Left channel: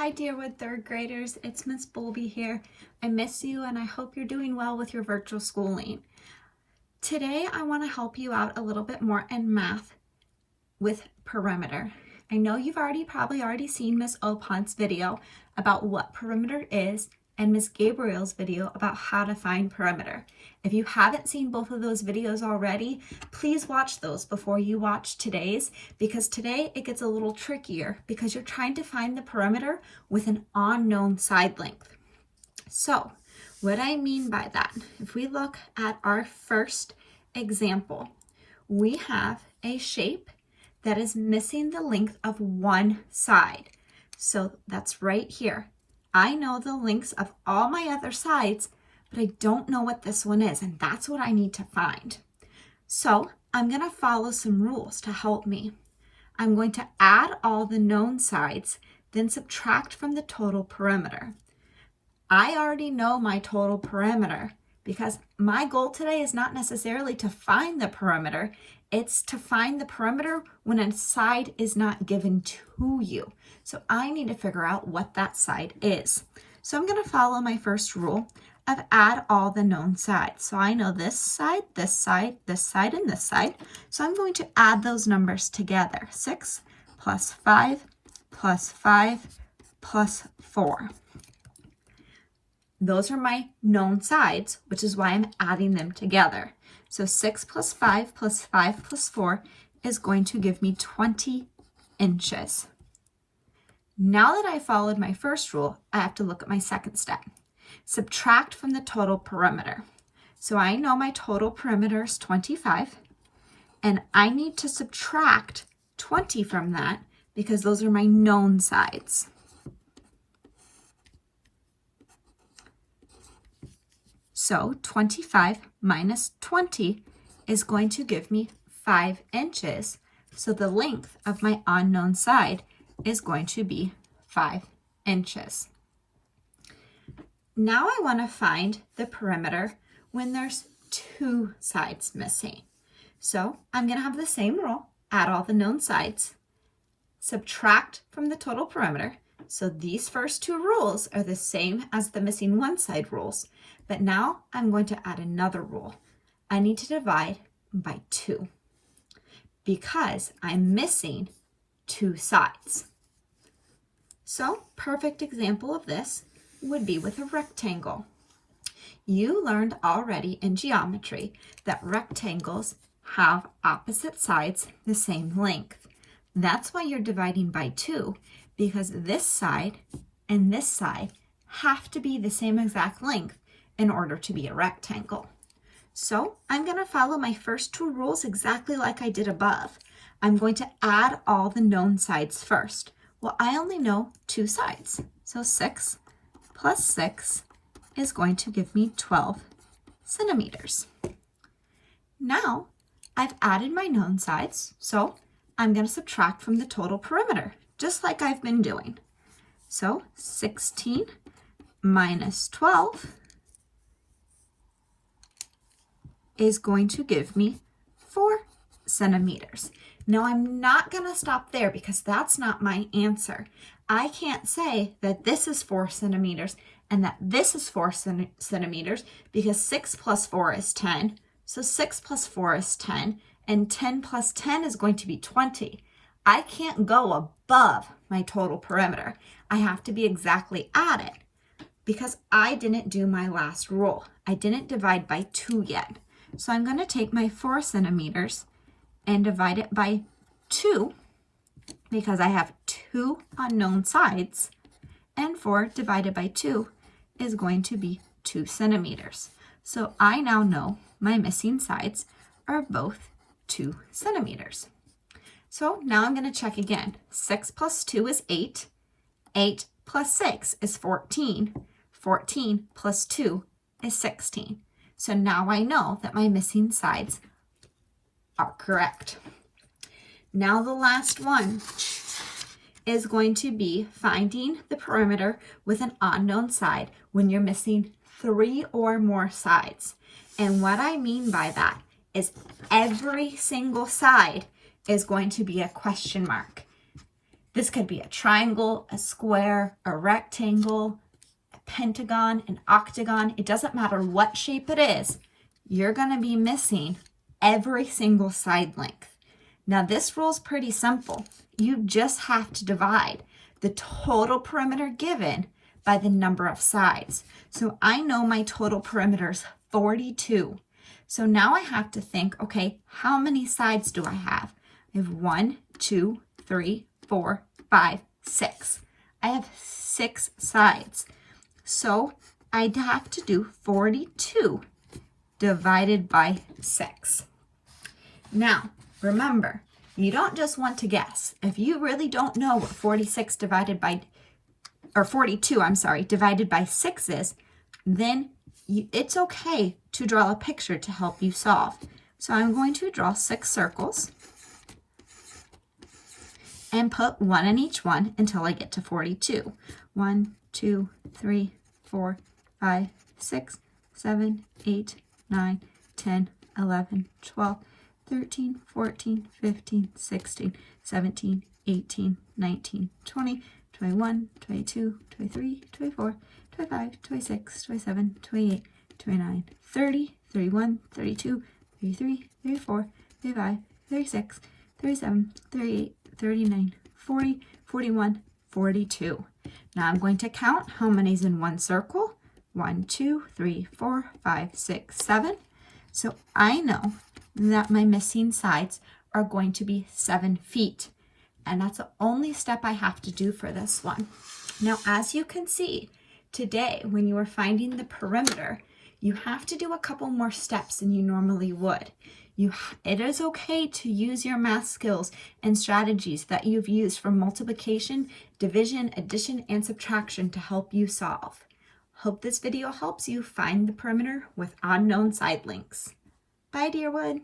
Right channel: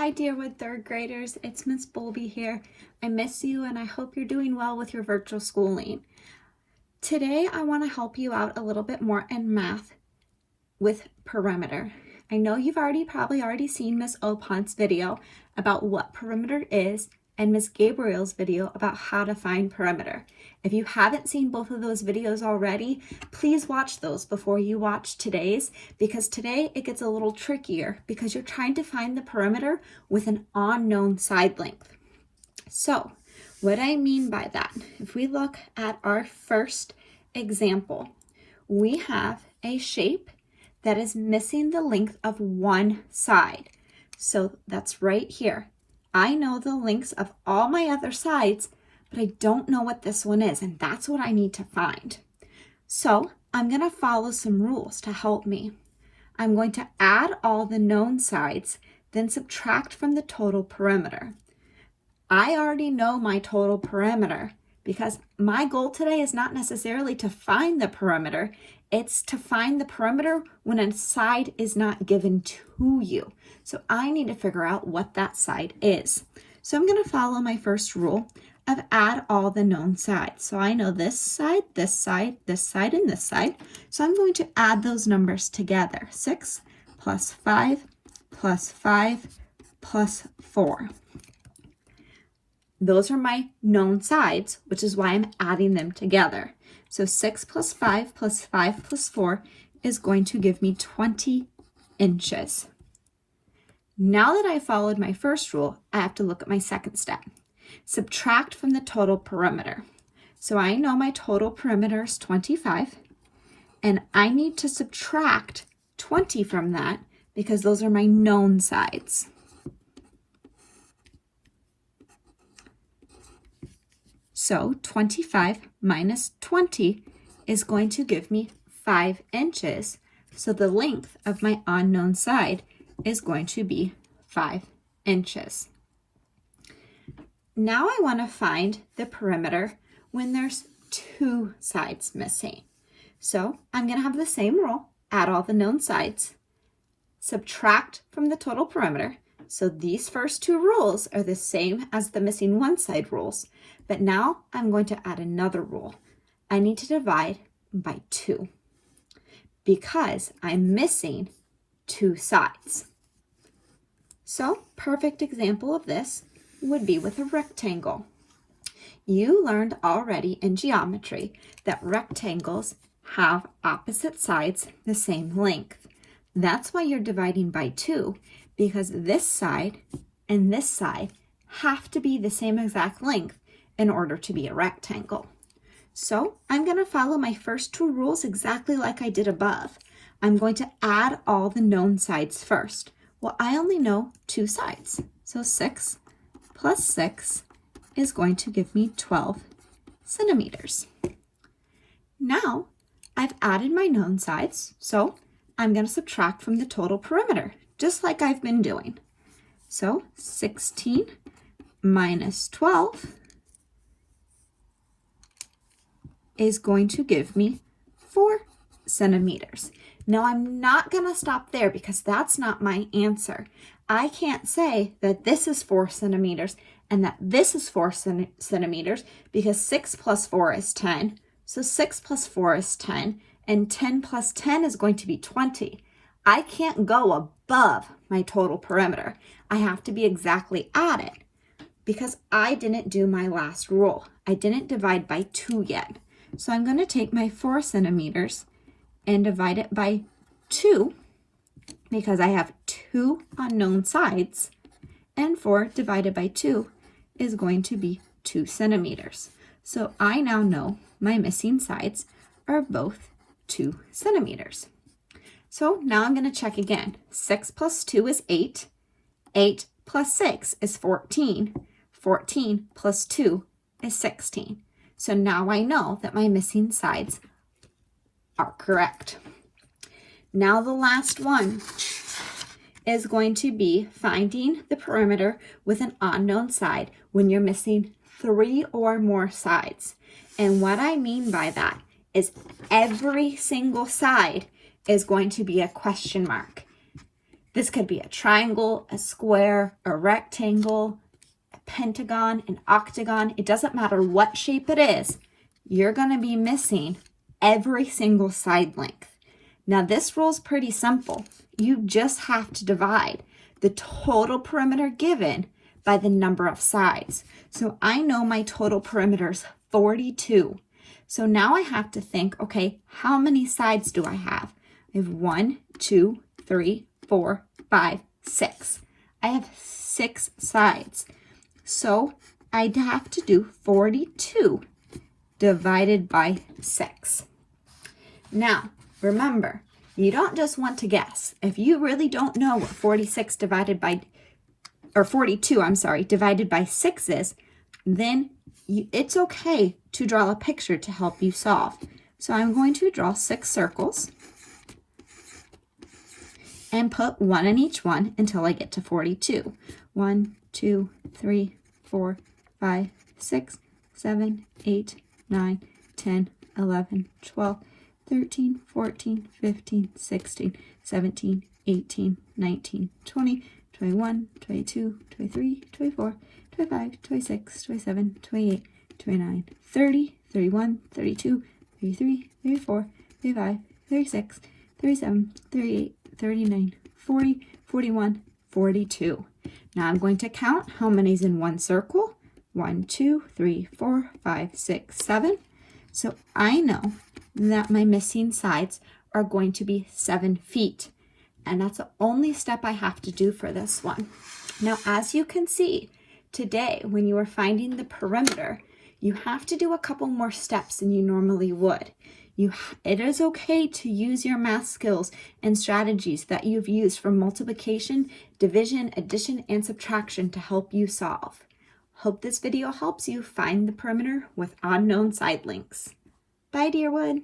Hi Deerwood third graders, it's Miss Bowlby here. I miss you and I hope you're doing well with your virtual schooling. Today I want to help you out a little bit more in math with perimeter. I know you've probably already seen Miss Opunt's video about what perimeter is and Miss Gabriel's video about how to find perimeter. If you haven't seen both of those videos already, please watch those before you watch today's, because today it gets a little trickier because you're trying to find the perimeter with an unknown side length. So what I mean by that, if we look at our first example, we have a shape that is missing the length of one side. So that's right here. I know the lengths of all my other sides, but I don't know what this one is, and that's what I need to find. So I'm going to follow some rules to help me. I'm going to add all the known sides, then subtract from the total perimeter. I already know my total perimeter because my goal today is not necessarily to find the perimeter, it's to find the perimeter when a side is not given to you. So I need to figure out what that side is. So I'm going to follow my first rule of add all the known sides. So I know this side, this side, this side, and this side. So I'm going to add those numbers together. 6 plus 5 plus 5 plus 4. Those are my known sides, which is why I'm adding them together. So 6 plus 5 plus 5 plus 4 is going to give me 20 inches. Now that I followed my first rule, I have to look at my second step. Subtract from the total perimeter. So I know my total perimeter is 25, and I need to subtract 20 from that because those are my known sides. So 25 minus 20 is going to give me 5 inches. So the length of my unknown side is going to be 5 inches. Now I want to find the perimeter when there's two sides missing. So I'm going to have the same rule, add all the known sides, subtract from the total perimeter. So these first two rules are the same as the missing one side rules, but now I'm going to add another rule. I need to divide by 2 because I'm missing two sides. So perfect example of this would be with a rectangle. You learned already in geometry that rectangles have opposite sides the same length. That's why you're dividing by 2, because this side and this side have to be the same exact length in order to be a rectangle. So I'm going to follow my first two rules exactly like I did above. I'm going to add all the known sides first. Well, I only know two sides. So 6 plus 6 is going to give me 12 centimeters. Now I've added my known sides, so I'm going to subtract from the total perimeter, just like I've been doing. So 16 minus 12 is going to give me 4 centimeters. Now I'm not going to stop there because that's not my answer. I can't say that this is 4 centimeters and that this is 4 centimeters because 6 plus 4 is 10. So 6 plus 4 is 10 and 10 plus 10 is going to be 20. I can't go above my total perimeter. I have to be exactly at it because I didn't do my last rule. I didn't divide by 2 yet. So I'm going to take my 4 centimeters and divide it by 2 because I have 2 unknown sides, and 4 divided by 2 is going to be 2 centimeters. So I now know my missing sides are both 2 centimeters. So now I'm going to check again. 6 plus 2 is 8. 8 plus 6 is 14. 14 plus 2 is 16. So now I know that my missing sides are correct. Now the last one is going to be finding the perimeter with an unknown side when you're missing 3 or more sides. And what I mean by that is every single side is going to be a question mark. This could be a triangle, a square, a rectangle, a pentagon, an octagon. It doesn't matter what shape it is. You're going to be missing every single side length. Now this rule is pretty simple. You just have to divide the total perimeter given by the number of sides. So I know my total perimeter is 42. So now I have to think, okay, how many sides do I have? I have 1, 2, 3, 4, 5, 6. I have 6 sides. So I'd have to do 42 divided by 6. Now, remember, you don't just want to guess. If you really don't know what 42 divided by 6 is, then it's okay to draw a picture to help you solve. So I'm going to draw 6 circles and put 1 in each one until I get to 42. 1, 2, 3, 4, 5, 6, 7, 8, 9, 10, 11, 12, 13, 14, 15, 16, 17, 18, 19, 20, 21, 22, 23, 24, 25, 26, 27, 28, 29, 30, 31, 32, 33, 34, 35, 36, 37, 38, 39, 40, 41, 42. Now I'm going to count how many's in one circle. 1, 2, 3, 4, 5, 6, 7. So I know that my missing sides are going to be 7 feet. And that's the only step I have to do for this one. Now, as you can see, today, when you are finding the perimeter, you have to do a couple more steps than you normally would. It is okay to use your math skills and strategies that you've used for multiplication, division, addition, and subtraction to help you solve. Hope this video helps you find the perimeter with unknown side lengths. Bye, Deerwood.